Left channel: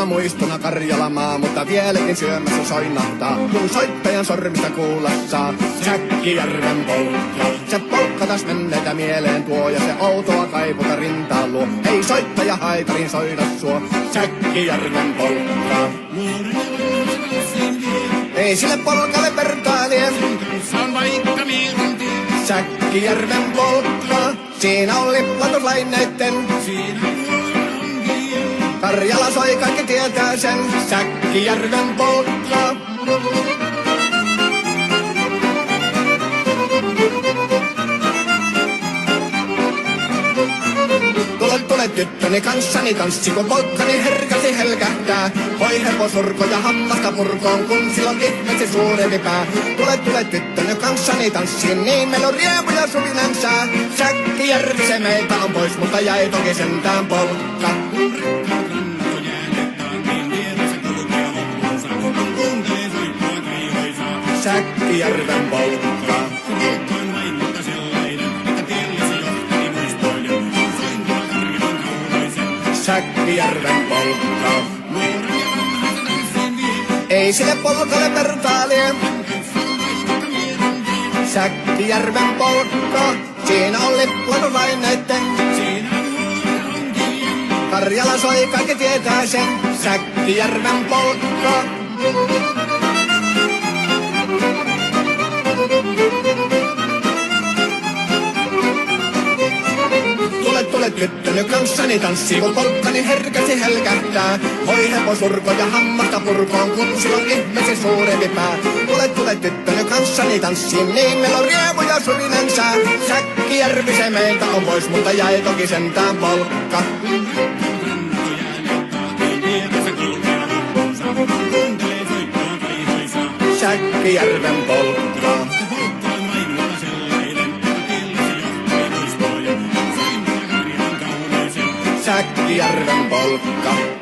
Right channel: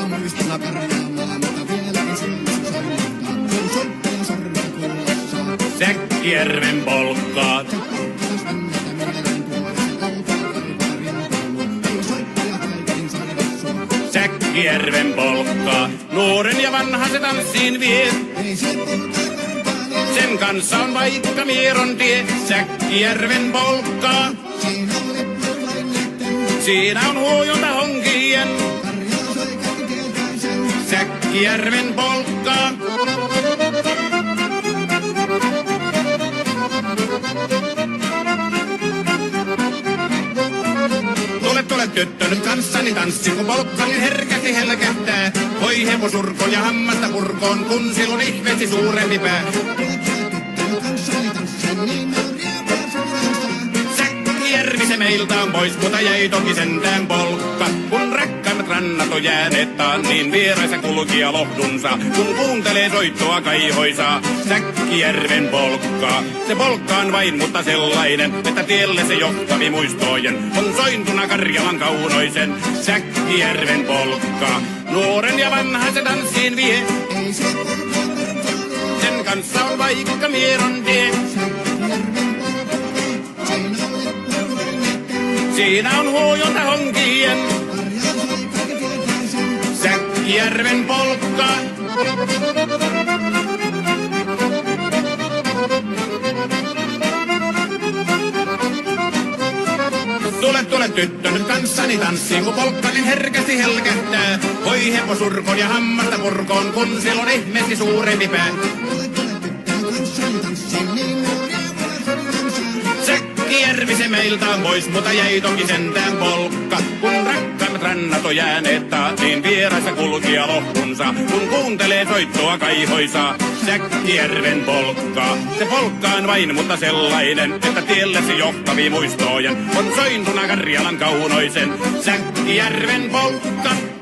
kauniina muistona Karjalamaa, mutta vieläkin syömässä soinahtaa, kun soittajan sormista kuulla saa. Säkkijärven polkkaa. Se polkka taas menneitä mieleen tuo, ja se outoa kaiputa rintaan luo. Ei soittaja haitarin soida suo. Säkkijärven polkkaa. Nuoren ja vanhan se tanssiin vie. Ei sille polkalle vertailee. Sen kanssa on vaikka Mieron tie. Säkkijärven polkkaa. Siinä on liplatuslaineitten. Siinä on huojunta honkien. Karjala soi, kaikki tietää sen. Säkkijärven polkkaa. Tule tyttöni kanssani tanssi, kun polkkani herkästi helkähtää. Voi hevosurko ja hammasta purkoon, kun silloin ihmeesti suurempi pää. Tule tyttöni kanssani tanssi, niin meillä on riemu ja sovinansa. Säkkijärvi se meiltä on pois, mutta jäi toki sentään polkka. Kun rakkaat rannat on jääneet taan, niin vieraissa kulkija lohdunsa. Kun kuuntelee soittoa kaihoisaa, Säkkijärven polkkaa. Se polkka on vain, mutta sellainen, että tielle se johtavi muistojen. On sointuna Karjalan kaunoisen, Säkkijärven polkkaa. Nuoren ja vanhan se tanssiin vie. Ei sille polkalle vertailee. Sen kanssa on vaikka Mieron tie. Säkkijärven polkka. Siinä on liplatuslaineitten. Siinä on huojunta honkien. Karjala soi, kaikki tietää sen. Säkkijärven polkkaa. Tule tyttöny kanssani tanssi, kun polkkani herkästi helkähtää. Voi hevosurkon ja hammasta purkoon, kun silloin ihmeesi suurempi pää. Tule tyttöny kanssani tanssi, niin meillä on riemu ja surinansa. Säkkijärvi se meiltä on pois, mutta jäi toki sentään polkka. Kun rakkaimmat rannat on jääneet taan, niin vieraissa kulkija lohdunsa. Kun kuuntelee soittoa kaihoisaa, Säkkijärven polkkaa. Se polkka on vain, mutta sellainen, että tielle se johtavi muistojen. On sointuna Karjalan kaunoisen, Säkkijärven polkka.